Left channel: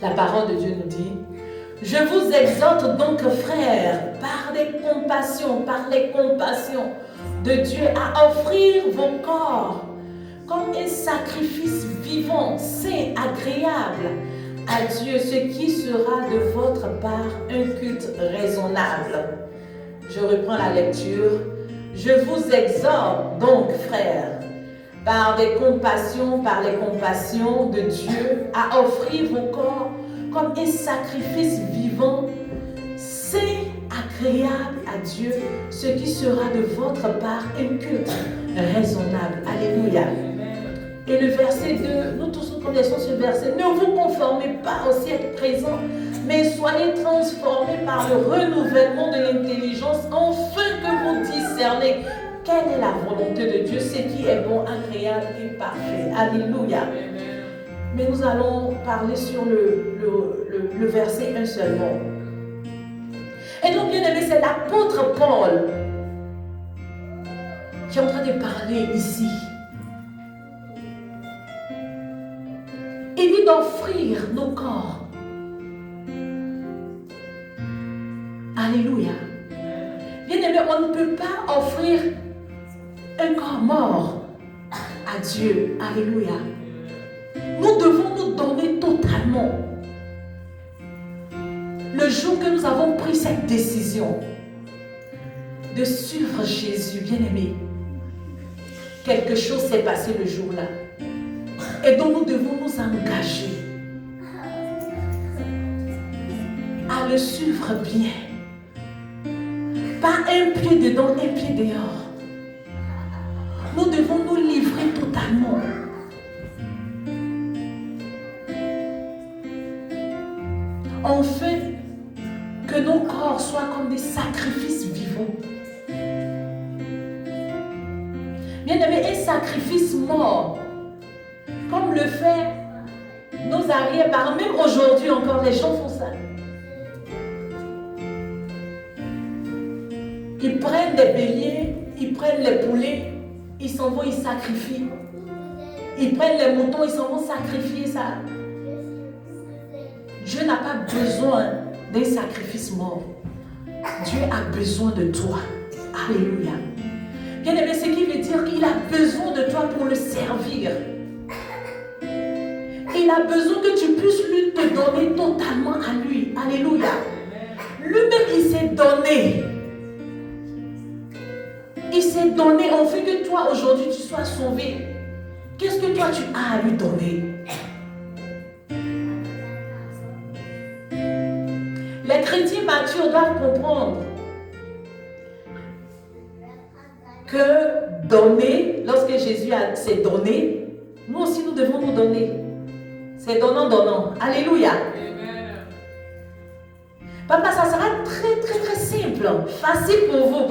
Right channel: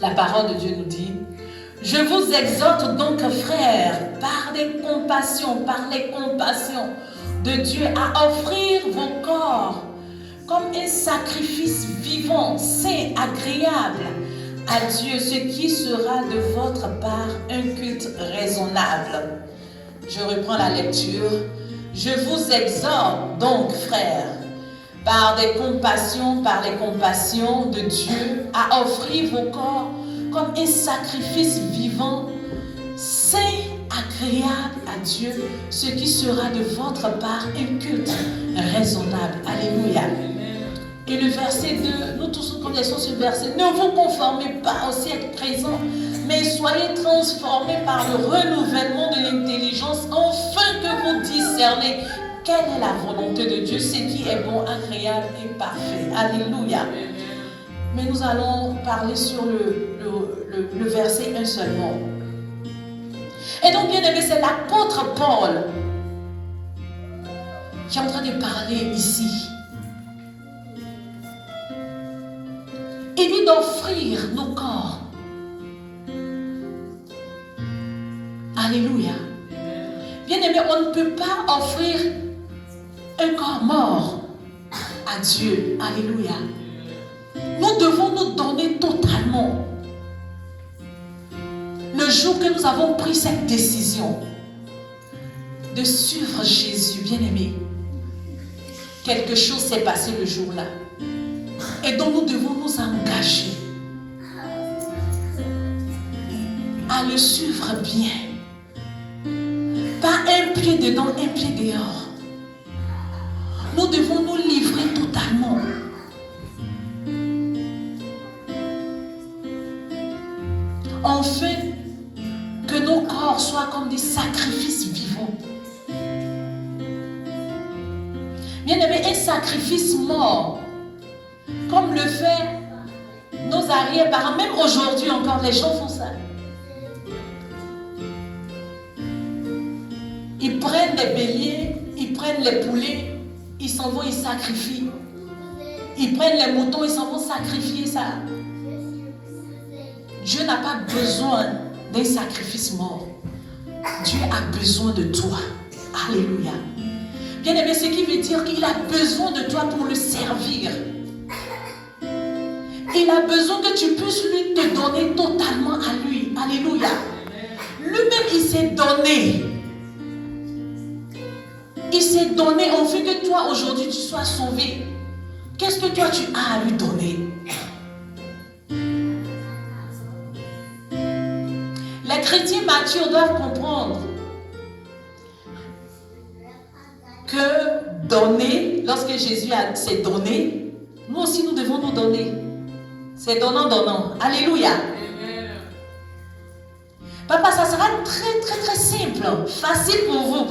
La parole de Dieu nous dit: je vous exhorte donc, frères, par les compassions de Dieu, à offrir vos corps comme un sacrifice vivant, saint, agréable à Dieu, ce qui sera de votre part un culte raisonnable. Je reprends la lecture. Je vous exhorte donc, frères, par les compassions de Dieu, à offrir vos corps comme un sacrifice vivant, saint, agréable à Dieu, ce qui sera de votre part un culte raisonnable. Alléluia. Et le verset 2, nous tous connaissons ce verset: ne vous conformez pas au siècle présent, mais soyez transformés par le renouvellement de l'intelligence, afin que vous discerniez quelle est la volonté de Dieu, ce qui est bon, agréable et parfait. Alléluia. Mais nous allons parler sur le verset 1 seulement. Et donc, bien aimé, c'est l'apôtre Paul qui est en train de parler ici. Il dit d'offrir nos corps. Alléluia. Bien aimé, on ne peut pas offrir un corps mort à Dieu. Alléluia. Nous devons nous donner totalement. Le jour que nous avons pris cette décision de suivre Jésus, bien aimé, quelque chose s'est passé le jour-là. Et donc nous devons nous engager à le suivre bien. Pas un pied dedans, un pied dehors. Nous devons nous livrer totalement. Enfin, que nos corps soient comme des sacrifices vivants. Bien aimé, un sacrifice mort, comme le fait nos arrière-parents, même aujourd'hui encore, les gens font ça. Ils prennent les béliers, ils prennent les poulets, ils s'en vont, ils sacrifient. Ils prennent les moutons, ils s'en vont sacrifier ça. Dieu n'a pas besoin d'un sacrifice mort. Dieu a besoin de toi. Alléluia. Bien aimé, ce qui veut dire qu'il a besoin de toi pour le servir. Il a besoin que tu puisses lui te donner totalement à lui. Alléluia. Lui-même, il s'est donné. Il s'est donné afin que toi, aujourd'hui, tu sois sauvé. Qu'est-ce que toi, tu as à lui donner? Les chrétiens matures doivent comprendre que donner, lorsque Jésus s'est donné, nous aussi nous devons nous donner. C'est donnant. Alléluia. Papa, ça sera très simple, facile pour vous.